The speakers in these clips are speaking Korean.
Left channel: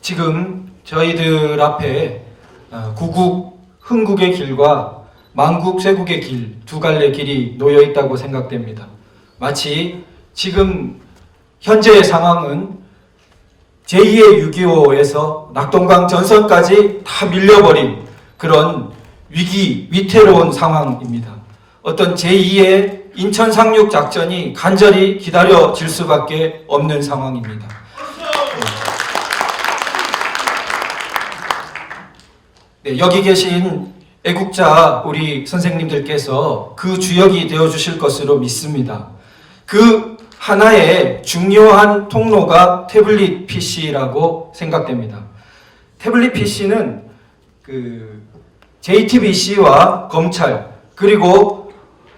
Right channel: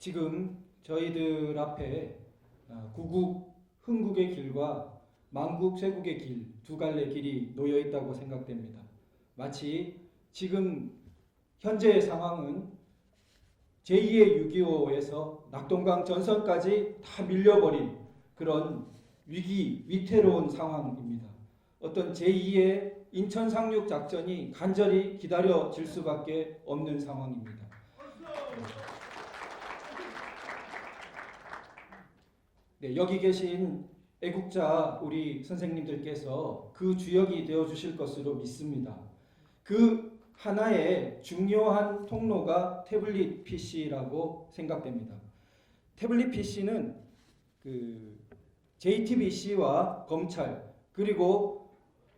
지금 저희들 앞에 구국 흥국의 길과 만국 쇄국의 길, 두 갈래 길이 놓여 있다고 생각됩니다. 마치 지금 현재의 상황은 제2의 6.25에서 낙동강 전선까지 다 밀려버린 그런 위태로운 상황입니다. 어떤 제2의 인천 상륙 작전이 간절히 기다려질 수밖에 없는 상황입니다. 네, 여기 계신 애국자 우리 선생님들께서 그 주역이 되어주실 것으로 믿습니다. 그 하나의 중요한 통로가 태블릿 PC라고 생각됩니다. 태블릿 PC는 JTBC와 검찰 그리고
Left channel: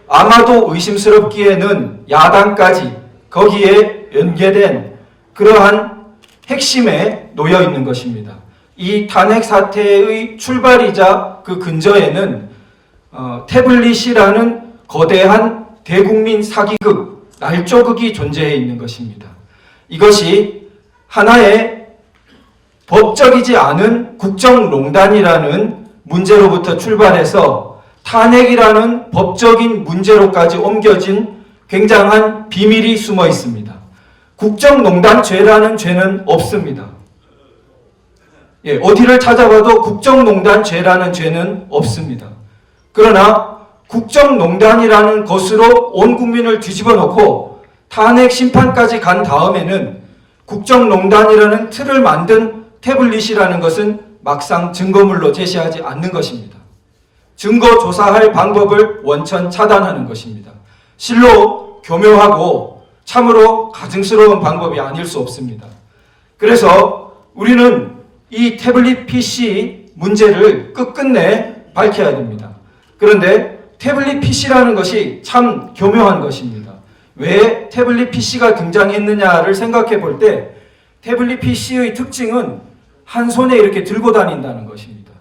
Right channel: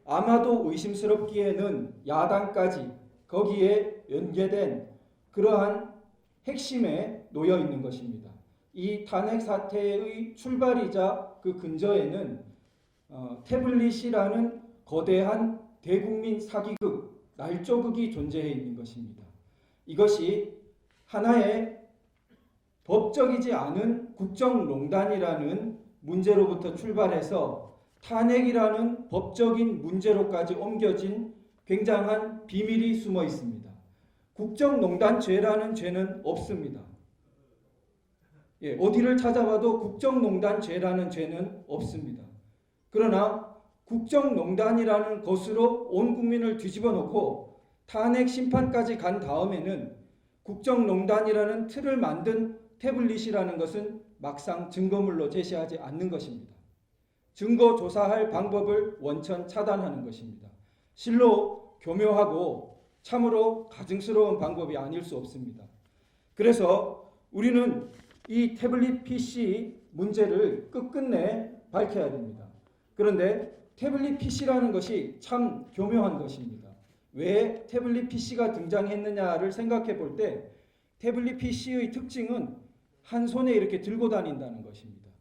아마도 의심스럽기에는 야당까지 거기에 연계된 그러한 핵심에 놓여 있는 것입니다. 이 탄핵 사태의 출발이자 그 근저에는 태블릿이라는 거대한 대국민 사기극, 날조극이 존재해 있는 것입니다. 이것이 하나의 법적이지 않은 국정농단이라는 문제로부터 출발해서 탄핵이라는 법적인 문제로까지 옮겨진 굉장한 비밀이 숨어 있습니다. 국정농단죄라는 죄는 없습니다. 어디를 찾아봐도 국정농단죄라는 죄는 없습니다. 그러나 국정농단이라는 것으로 온 국민을 뒤집어 놓고 탄핵 심판까지 간 다음에는 국정농단이라는 틀을 만든 태블릿이라는 것은 막상 증거물로 제시하지 않는 것입니다. 증거 조사할 방법을 원천 차단하는 것입니다. 실로 교묘하고 참으로 가증스러운 방법이 아닐 수 없습니다. 그래서 우리는 이 태블릿 PC 문제를 끝끝내 밝혀야 됩니다. 그런데 태블릿 PC라는 것이 참 교묘한 것입니다. 왜 태블릿 PC가 등장했느냐를 생각해 볼 때 태블릿 PC의 특징은 한 손에 이렇게 들고 다닌다는 것입니다.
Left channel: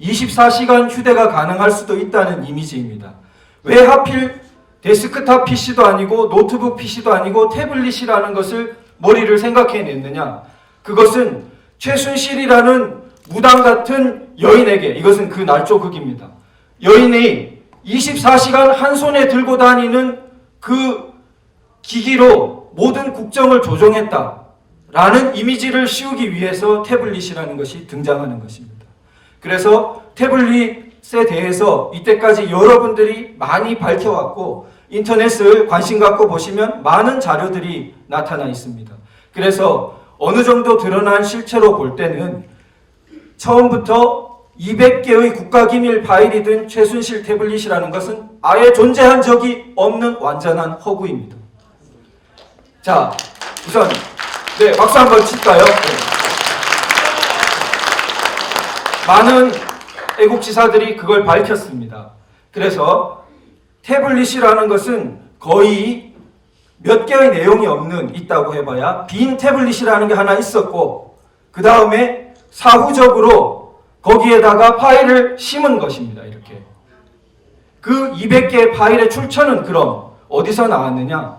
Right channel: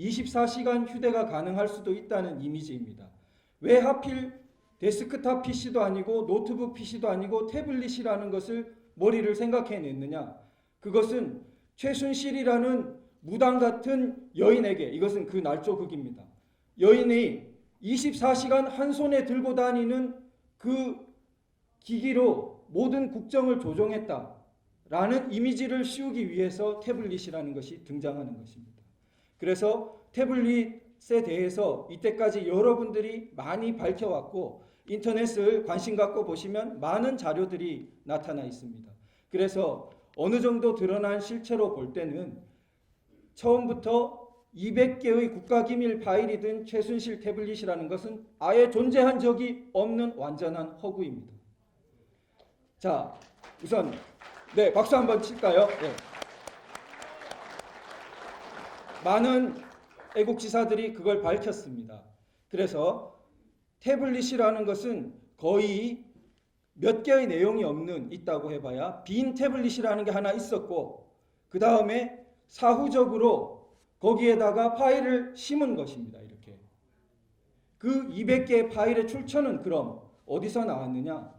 24시간 휴대가 가능할 수도 있다는 이미지입니다. 왜 하필 데스크탑 PC도 아니고 노트북 PC도 아니고 태블릿이라는 것을 머리를 생각해냈느냐? 그것은 최순실이라는 무당 같은 여인에게, 이것은 그 날조극입니다. 여인이 24시간 한 손에 들고 다니는 그 기기로 모든 국정을 조종했다라는 이미지를 씌우기 위해서 태블릿이라는 것이 등장하는 것입니다. 그래서 태블릿에 대해서 이때까지 여러분들이 많이 밝혀왔고 인터넷을 관심 갖고 보시면 많은 자료들이 나타나 있습니다. 그래서 어느 정도 드러난 실체로 볼 때는 처음부터 200개의 국가기밀 파일이 든 최순실 태블릿이라는 것은 아예 존재한 적이 없는 완전한 허구입니다. 자, 우선 박수 한번 칠까요? 많은 애국지사들이 그걸 밝혔습니다. 그래서 태블릿이라는 것은 거의 몇 개의 내용이 있다고 해봐야 빈 태블릿이라는 게 하나 있었고 그 다음에 사후적으로 거기에다가 파일을 심은 것입니다. 이렇게. 그 200개의 파일의 출처는 그럼 어디서 나왔느냐?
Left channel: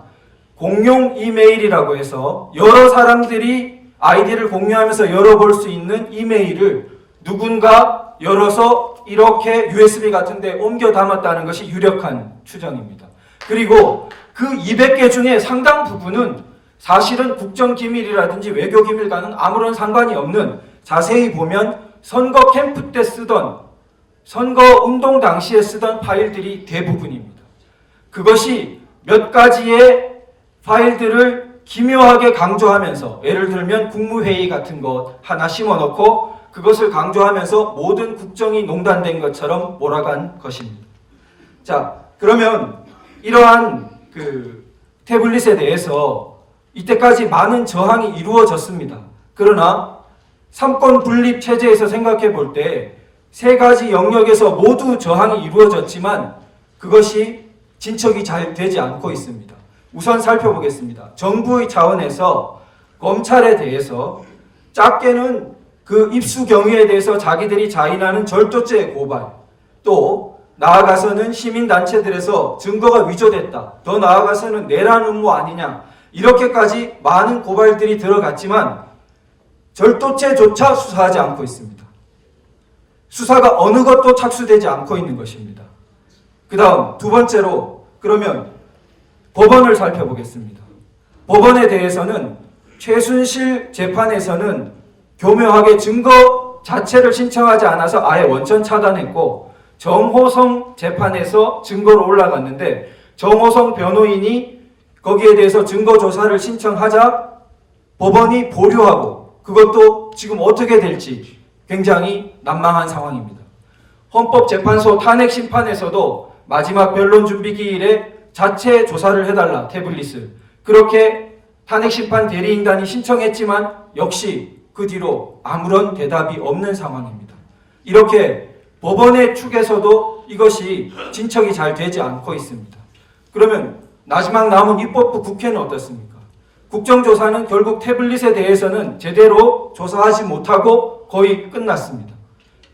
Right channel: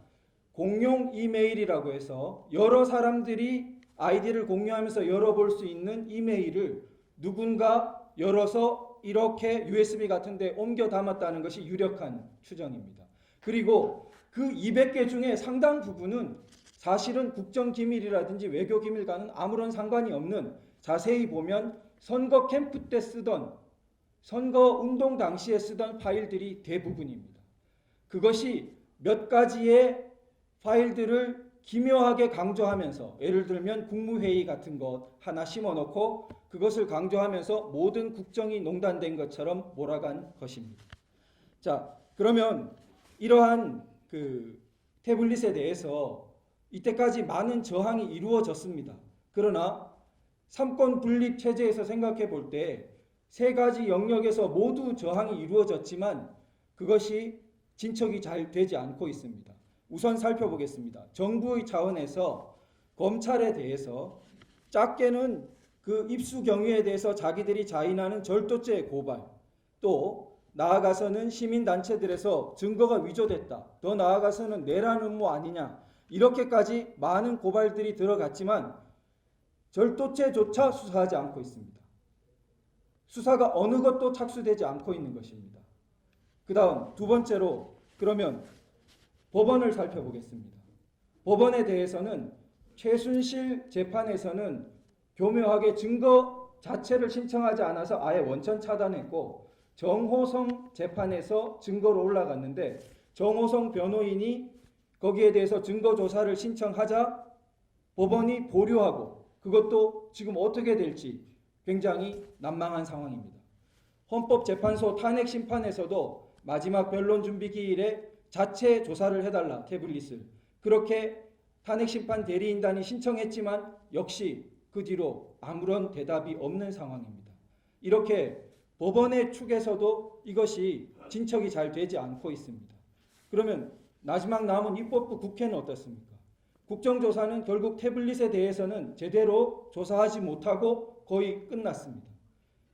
공용 이메일이라고 해서 여러 사람들이 아이디를 공유하면서 열어볼 수 있는 이메일을 누군가 열어서 이렇게 USB 같은 데 옮겨 담았다는 것이 유력한 추정입니다. 그리고 그 200개 중에 상당 부분은 사실은 국정기밀이라든지 외교기밀과는 아무런 상관이 없는, 자세히 보면 선거 캠프 때 쓰던, 선거 운동 당시에 쓰던 파일들이 대부분입니다. 그것이 몇 가지의 파일들을 기묘하게 강조하면서, 예를 들면 국무회의 같은 것 하나 심어놓고 그것을 강조하면서 모든 국정이 농단된 것처럼 몰아간 것입니다. 자, 그러면 이러한 태블릿에 대해서 이때까지 많은 저항이 이루어졌습니다. 그러나 삼권 분립 체제에서 생각해 볼 때 세 가지 영역에서 모두 저항이 이루어졌지만 그것이 진척이 잘 되지 않고 있습니다. 우선 살펴보겠습니다. 정부의 차원에서 검찰에 대해서 작게는 그 입수 경위에 대해서 자기들이 자인하는 절도죄 고발, 또 나아가서는 시민단체들에서 증거가 위조됐다, 더 나아가서는 내란 음모 아니냐, 이렇게까지 많은 고발들이 들어갔지만 절도죄조차 수사하지 않고 있습니다. 수사가 어느 것도 착수되지 않고 있는 것입니다. 그 다음 두 번째로 그러면 법원을 살펴보겠습니다. 법원에 대해서는 최순실 재판에서는 교묘하게 증거 자체를 신청하지 않아서 아예 원천 차단했고, 정호성 재판에서 증거로 올라갔는데 정호성 변호인이 거기에 대해서 증거 조사를 신청하자 법원이 보류하고, 그것도 지금 어떻게 될지 굉장히 난망한 상황입니다. 헌법재판소 탄핵 심판에서도 마지막 변론 준비 기일에 자체 조사를 해달라, 태블릿을. 그렇게 탄핵 심판 대리인단이 신청했지만 역시 그 뒤로 아무런 대답이 없는 상황입니다. 이렇게 법원의 축에서도 이것이 진척이 잘 되지 않고 있습니다. 그러면 마지막 남은 입법부 국회는 어떻습니까? 국정조사는 결국 태블릿에 대해서는 제대로 조사하지 못하고 거의 끝났습니다.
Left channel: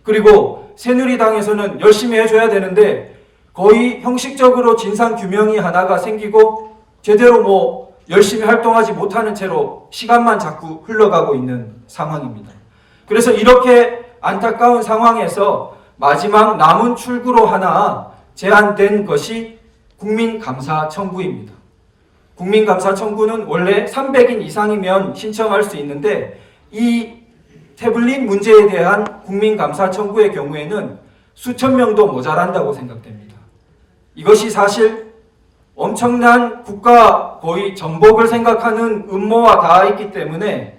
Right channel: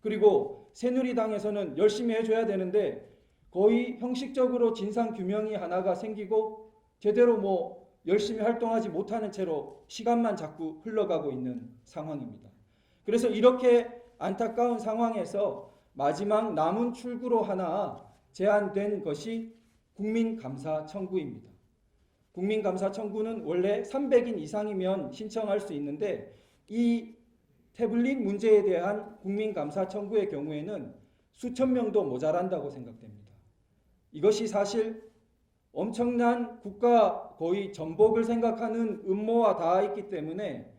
그리고 새누리당에서는 열심히 해줘야 되는데 거의 형식적으로 진상규명이 하나가 생기고 제대로 열심히 활동하지 못하는 채로 시간만 자꾸 흘러가고 있는 상황입니다. 그래서 이렇게 안타까운 상황에서 마지막 남은 출구로 하나 제안된 것이 국민감사 청구입니다. 국민감사 청구는 원래 300인 이상이면 신청할 수 있는데 이 태블릿 문제에 대한 국민감사 청구의 경우에는 수천 명도 모자란다고 생각됩니다. 이것이 사실 엄청난 국가 거의 정복을 생각하는 음모와 닿아 있기 때문에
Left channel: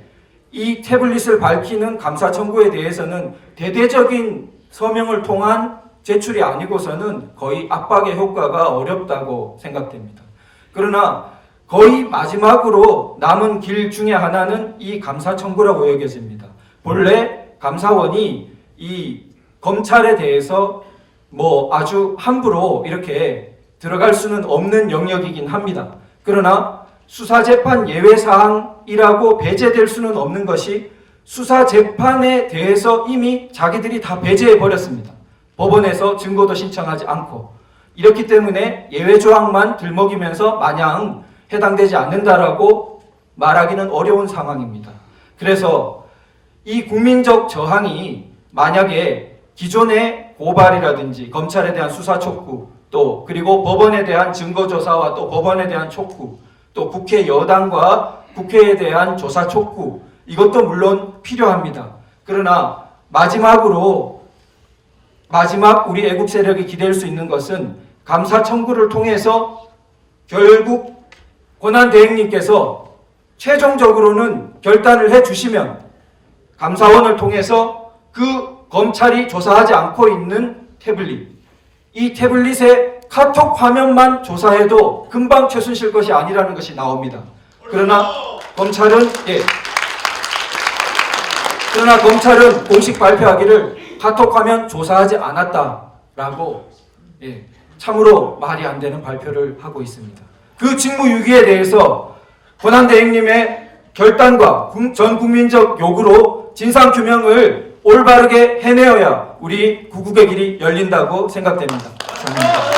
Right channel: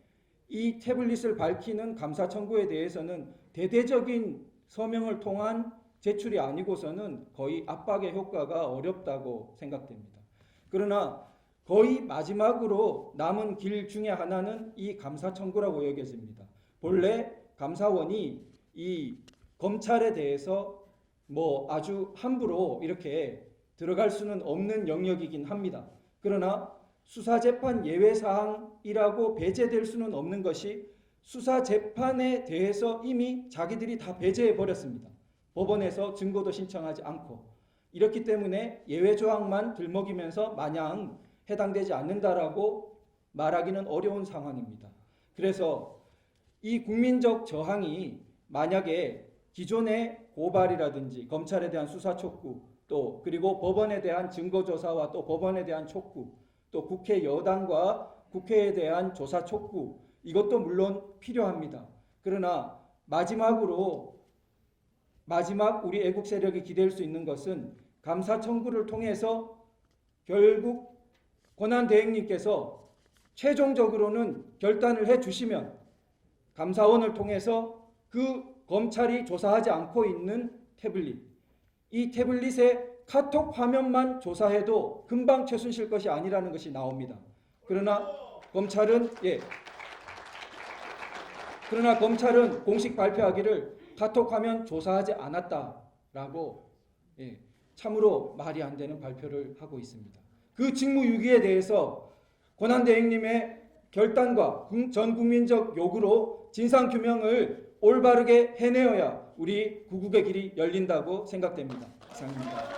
이 태블릿을 밝히는 감사 청구에 대해서는 대대적인 서명을 통한 제출이 아니고서는 거의 압박의 효과가 어렵다고 생각됩니다. 그러나 거의 마지막으로 남은 길 중에 하나는 이 감사 청구라고 여겨집니다. 본래 감사원이 이 검찰에 대해서 아주 함부로 이렇게 들어갈 수는 없는 영역이긴 합니다. 그러나 수사재판 예외사항이라고 배제될 수는 없는 것이 수사재판에 대해서 이미 자기들이 다 배제해버렸습니다. 법원에서 증거도 신청하지 않고. 이렇기 때문에 예외조항만 들먹이면서 마냥 해당되지 않는다라고 말하기는 어려운 상황입니다. 그래서 이 국민적 저항이 만약에 기존의 고발이라든지 검찰에 대한 수사 촉구, 또 그리고 법원에 대한 증거조사와 또 법원에 대한 촉구, 또 국회 여당과 국회에 대한 조사 촉구, 이것도 물론 필요합니다. 그러나 마지막 우리 애국 세력이 기댈 수 있는 것은 감사 청구를 통해서 결국 권한대행님께서 최종적으로는 결단을 해주시면 감사원을 통해서 그 검찰이 조사하지 않고 있는 태블릿, 이 태블릿의 카톡 화면만 조사해도 금방 최순실 것이 아니라는 것이 나옵니다. 그러나 검찰은 공식 발표하기를 카톡 화면 조사하지 않았다라고 참으로 말이 안 되는 발표를 하고 있습니다. 그 직무유기에 대해서 권한대행님의 결단과 전 국민적 요구로 진상규명을 올바르게 해내어야 우리 구국의 길이 열린다고 생각됩니다. 감사합니다.